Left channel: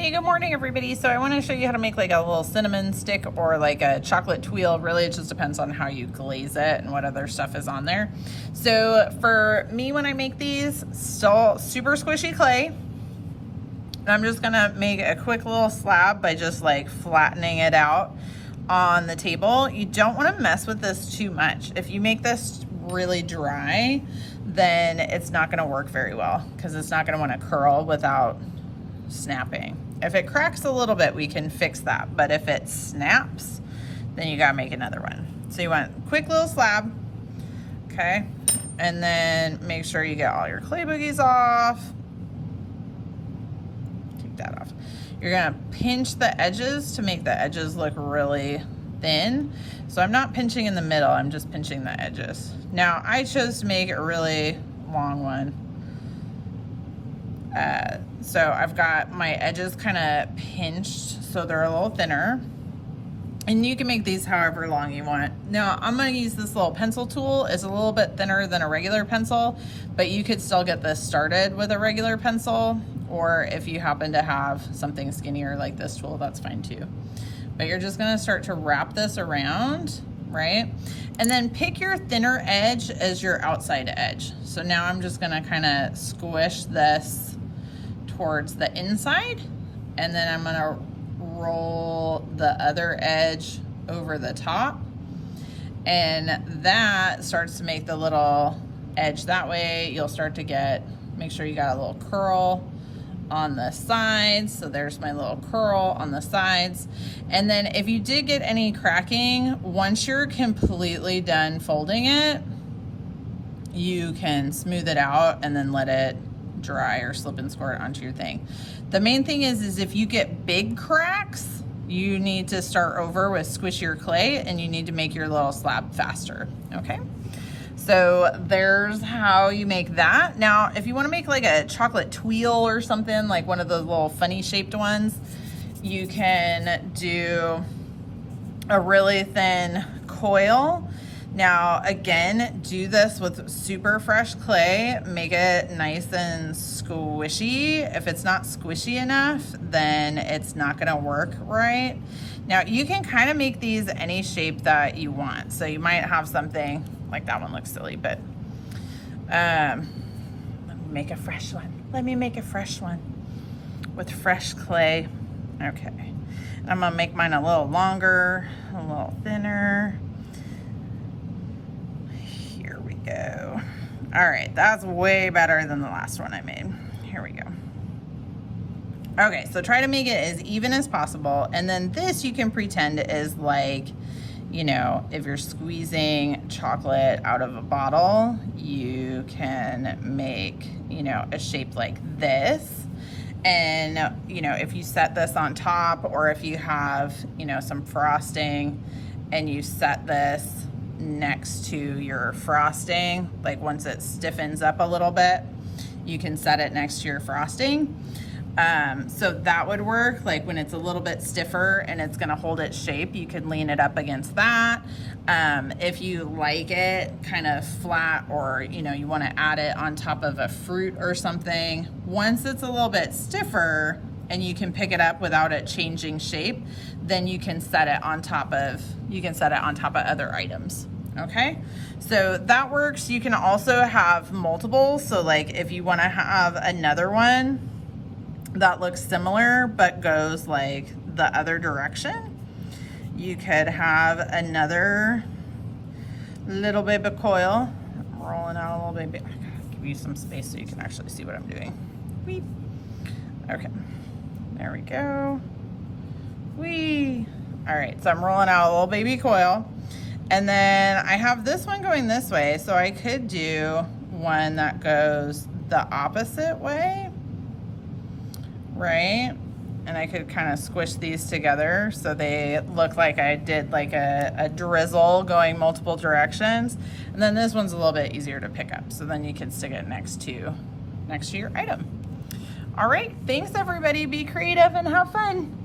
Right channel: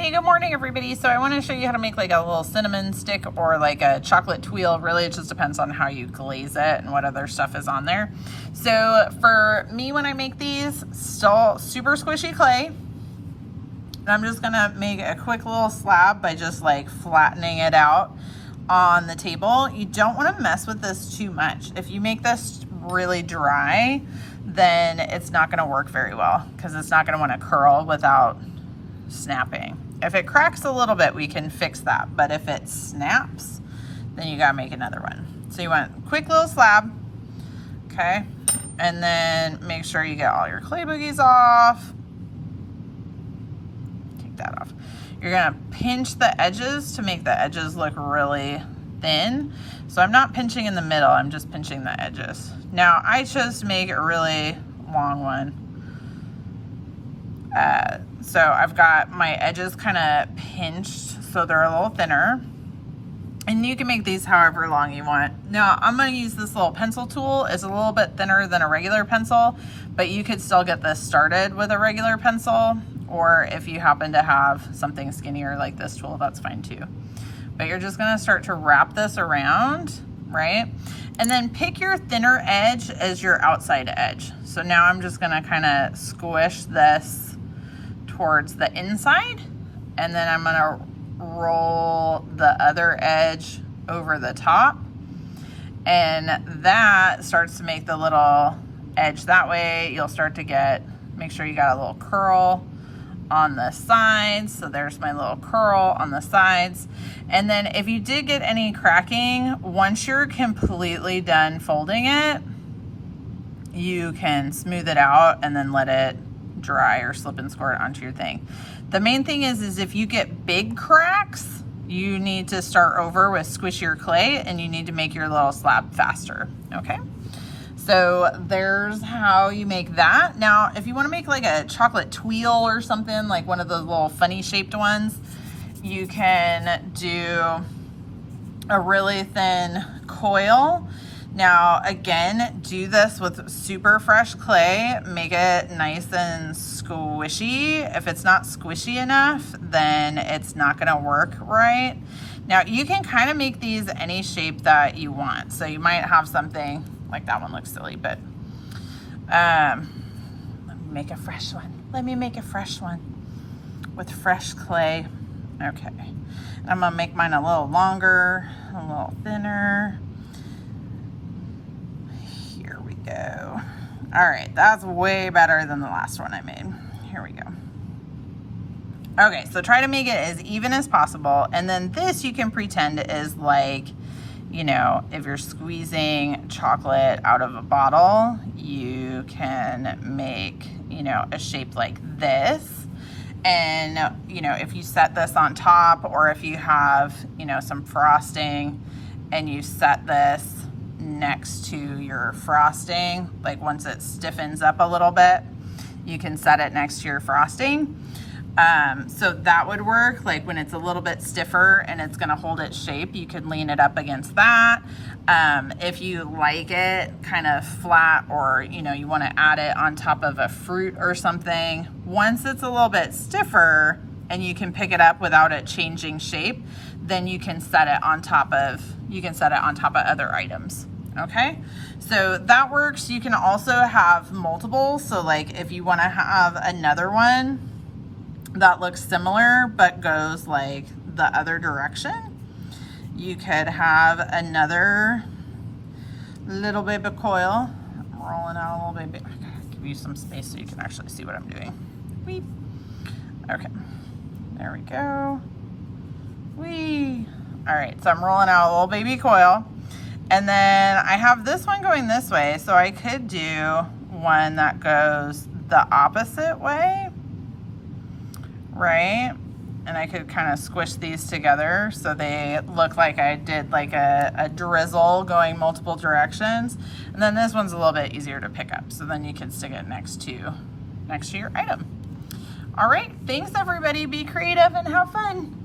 Hey, good morning everybody. So I want to show you how to make like a little cinnamon stick or like a chocolate tuile. Really, it just depends on how you glaze it and what other stuff is on there. So for me, when I make these, still super squishy clay. I'm just gonna make a quick little slab by just like flattening it out on the table. You don't want to mess with this too much. If you make this really dry, then it's not going to work very well because it's not going to want to curl without snapping. If it cracks a little bit, we can fix that, but if it snaps, then you gotta make another one. So you want a quick little slab, okay? And then make sure you get all your clay boogies off. Take that off. You're gonna pinch the edges to make the edges look really thin. So I'm not pinching in the middle, I'm just pinching the edges. Now I chose to make a really long one. So I've got my edges kind of pinched so they're a little thinner, and you can make these however long you want. Now I'm going to use this little pencil tool. It's a little bit thinner than a regular pencil, but you could still get this started with a regular pencil, or if you happen to have something skinnier like this tool, that's fine too. But you're just going to start to wrap this around, right? And then pick your thinner edge as your outside edge. So now I'm just going to kind of squish this towards the inside, and then I'm gonna roll the other edge over the top, and that starts to make the little edge that way. You'll start to get, make sure you got a little curl on the sides. So there's my little curl on the sides. And then if you did get any cracking, once you're completely done folding it, you can smooth it out and then let it dry or slip and squirt onto your thing. The main thing is if you get big cracks, you need to start over with squishier clay, and you need to make your little slab faster, okay? So there's how you make that. Now, if you want to make like a chocolate tuile or something, like one of those little funny shaped ones, you can do a really thin coil. Now, again, do this with super fresh clay. Make it nice and squishy. If it's not squishy enough, then it's not gonna work right. Now, you can kind of make these any shape that you want. So you might have something, like that one looks silly, but let me make a fresh one. Let me make a fresh one with fresh clay. Okay, I'm gonna make mine a little longer, a little thinner. Go. All right, that's way better than the last one I made. Here we go. Okay, so try to make it as even as possible, and then this you can pretend is like, you know, if you're squeezing chocolate out of a bottle, you can make, you know, a shape like this. And, you know, if you set this on top, or if you have, you know, some frosting and you set this next to your frosting, like once it stiffens up a little bit, you can set it next to your frosting. So that would work. Like when it's a little bit stiffer and it's gonna hold its shape, you could lean it up against that. If you like it kind of flat, or you know, you want to add it on top of a fruit or something, once it's a little bit stiffer and you can pick it up without it changing shape, then you can set it on top of, other items. Okay, so that works. You can also have multiple. So like if you want to have another one that looks similar but goes like the other direction, you could have another little baby coil. I'm rolling out a little baby. I gotta give you some space so you can actually see what I'm doing. Weep. Okay, there we go. Whee. All right, so I'm rolling out a little baby coil, and then I have this one going this way, so I could do one that goes the opposite way, right? And I could kind of squish these together so they look like I did like a drizzle going multiple directions. And then this one's a little bit easier to pick up, so then you can stick it next to your item. All right, thanks everybody. Be creative and have fun.